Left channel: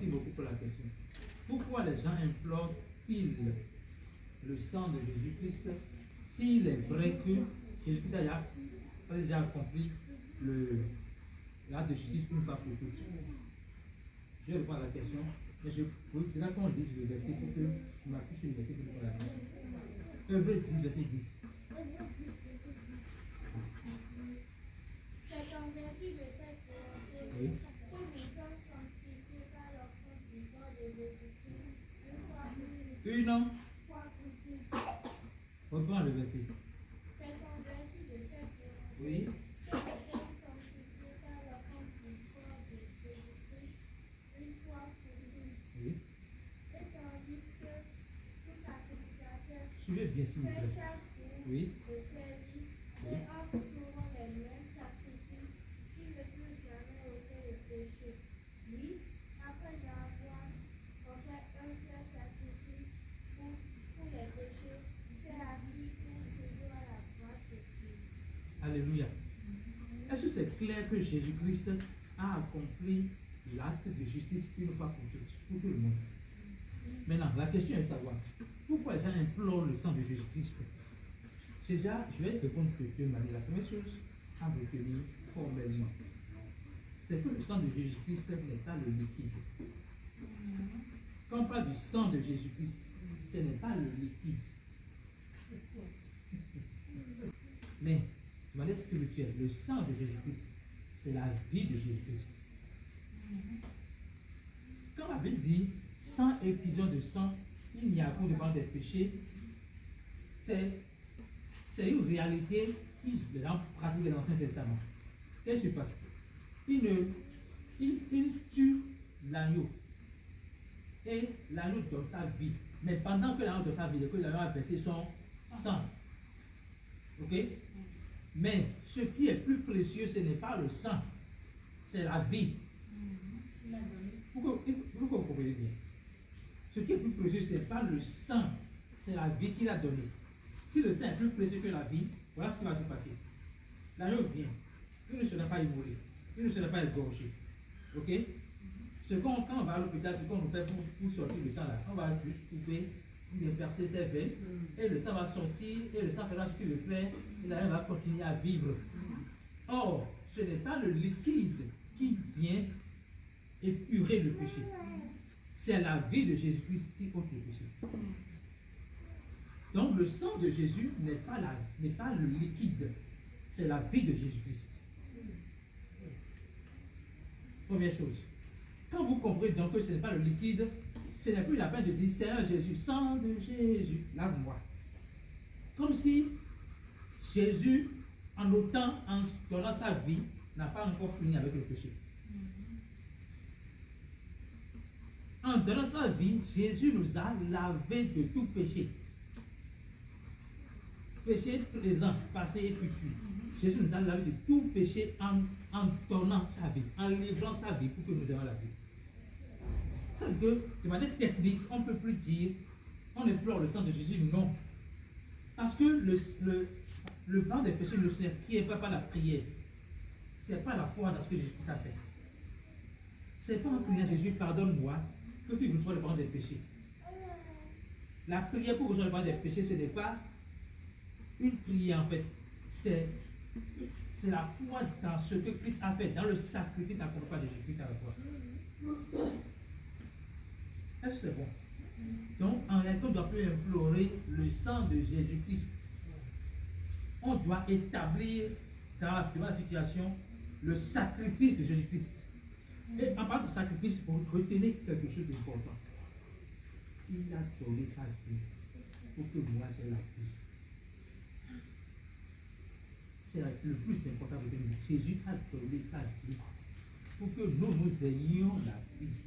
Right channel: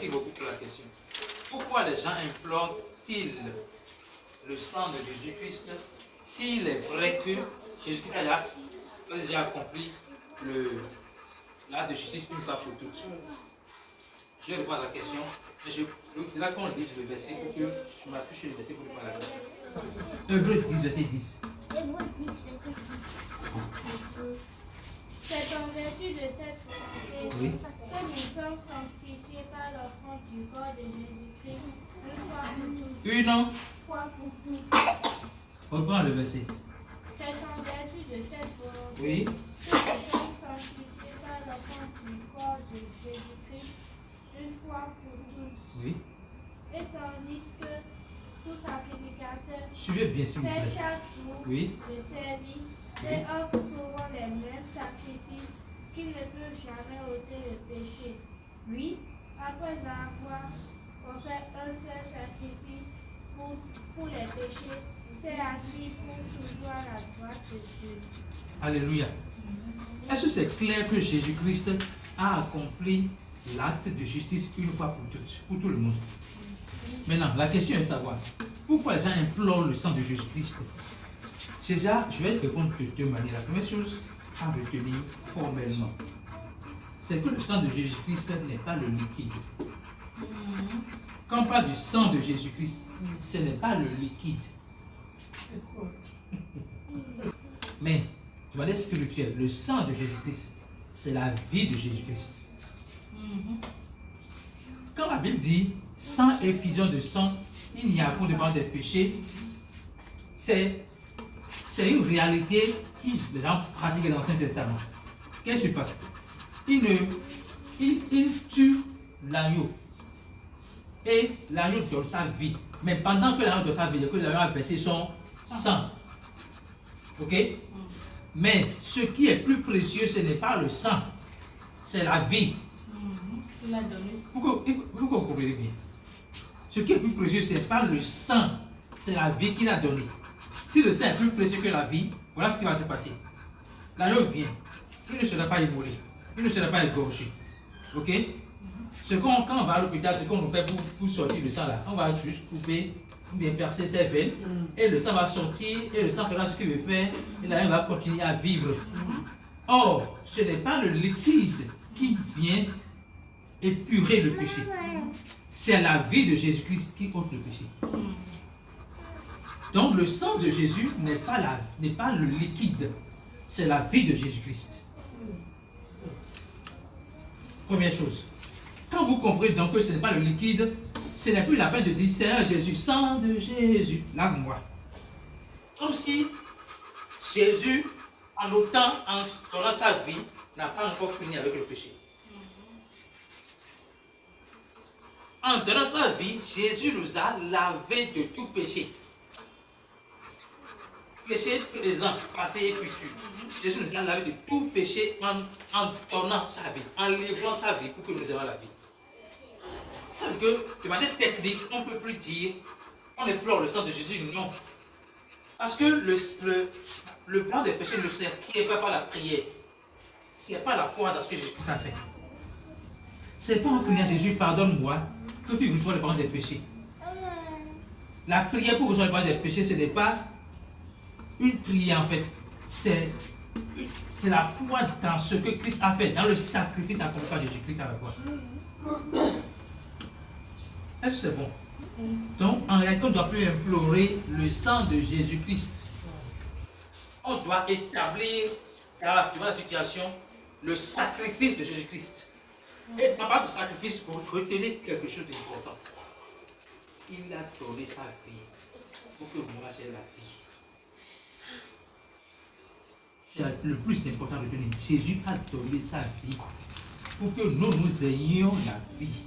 Merci beaucoup pour la question. Pourquoi les gens implorent-ils le sang de Jésus-Christ s'il est vrai que Jésus-Christ a déjà accompli l'acte de justice une fois pour toutes? Je réponds à la question, mais là qu'on lise le verset pour que je m'appuie sur le verset pour répondre à la question. Hébreux 10, verset 10. Hébreux 10, verset 10. C'est en vertu de cette volonté que nous sommes sanctifiés par l'offrande du corps de Jésus-Christ une fois pour toutes. Une fois pour toutes. Reprends le verset. C'est en vertu de cette volonté Oui. que nous sommes sanctifiés par l'offrande du corps de Jésus-Christ une fois pour toutes. Oui. Et tandis que tout sacrificateur Suivez bien, s'il vous fait plaît. chaque jour Oui. le service Oui. et offre souvent les mêmes sacrifices qui ne peuvent jamais ôter le péché. Lui, après avoir offert un seul sacrifice pour les péchés, s'est assis pour toujours à la droite de Dieu. Alléluia. Est-ce que c'est clair que Jésus-Christ a accompli l'acte de justice une fois pour toutes, pour tout le monde? Maintenant, la question est de savoir pourquoi les gens implorent le sang de Jésus-Christ. Déjà, je vais répondre de deux manières. La première chose à retenir formellement, c'est que le sang de Jésus-Christ n'est pas le liquide. Quand on parle du sang de Jésus-Christ, ce n'est pas le liquide. Mais, de manière spirituelle, le sang de Jésus-Christ, c'est la vie de Jésus-Christ. Quand la Bible dit sans effusion de sang, il n'y a pour devant des péchés, c'est une réalité que les gens pratiquent dans l'Ancien Testament. Qu'est-ce qui se passe? Il tue l'agneau. Et l'agneau donne sa vie. Mais pendant que l'agneau donne sa vie, que l'agneau a versé son sang. Ok? Mais ce qui est plus précieux, ce n'est pas le sang, c'est la vie. Il a donné. Pourquoi vous comprenez bien? Ce qui est plus précieux, ce n'est pas le sang, c'est la vie qu'il a donnée. Si le sang est plus précieux que la vie, voilà ce qui va se passer. L'agneau vient, il ne sera pas immolé, il ne sera pas égorgé. Ok? Quand on va à l'hôpital, ce qu'on nous fait pour sortir le sang là, on va juste couper, ou bien percer ses veines, et le sang va sortir, et le sang fera ce qu'il veut faire, et l'agneau va continuer à vivre. Or, ce n'est pas le liquide qui vient épurer le péché. C'est la vie de Jésus-Christ qui ôte le péché. Donc le sang de Jésus n'est pas le liquide, c'est la vie de Jésus-Christ. Première chose. Quand vous comprenez donc que ce n'est pas le liquide, ce n'est plus la peine de dire Seigneur Jésus, sang de Jésus, lave-moi. Comme si Jésus, en donnant sa vie, n'a pas encore fini avec le péché. En donnant sa vie, Jésus nous a lavé de tout péché. Péché présent, passé et futur. Jésus nous a lavé de tout péché en donnant sa vie, en livrant sa vie pour que nous ayons la vie. Ça veut dire que de manière technique, on ne peut plus dire on implore le sang de Jésus, non. Parce que le pardon des péchés ne s'acquiert pas par la prière. Ce n'est pas la foi dans ce que Jésus a fait. Ce n'est pas en priant Jésus, pardonne-moi, que tu reçois le pardon des péchés. La prière pour recevoir le pardon des péchés, ce n'est pas une prière en fait. C'est la foi dans ce que Christ a fait, dans le sacrifice accompli par Jésus-Christ à la croix. Est-ce que c'est bon? Donc, en réalité, on ne doit plus implorer le sang de Jésus-Christ. On doit établir, devant la situation, le sacrifice de Jésus-Christ. Et en parlant de sacrifice, vous retenez quelque chose d'important. Il a donné sa vie pour que vous ayez la vie. C'est le plus important de donner. Jésus a donné sa vie pour que nous ayons la vie.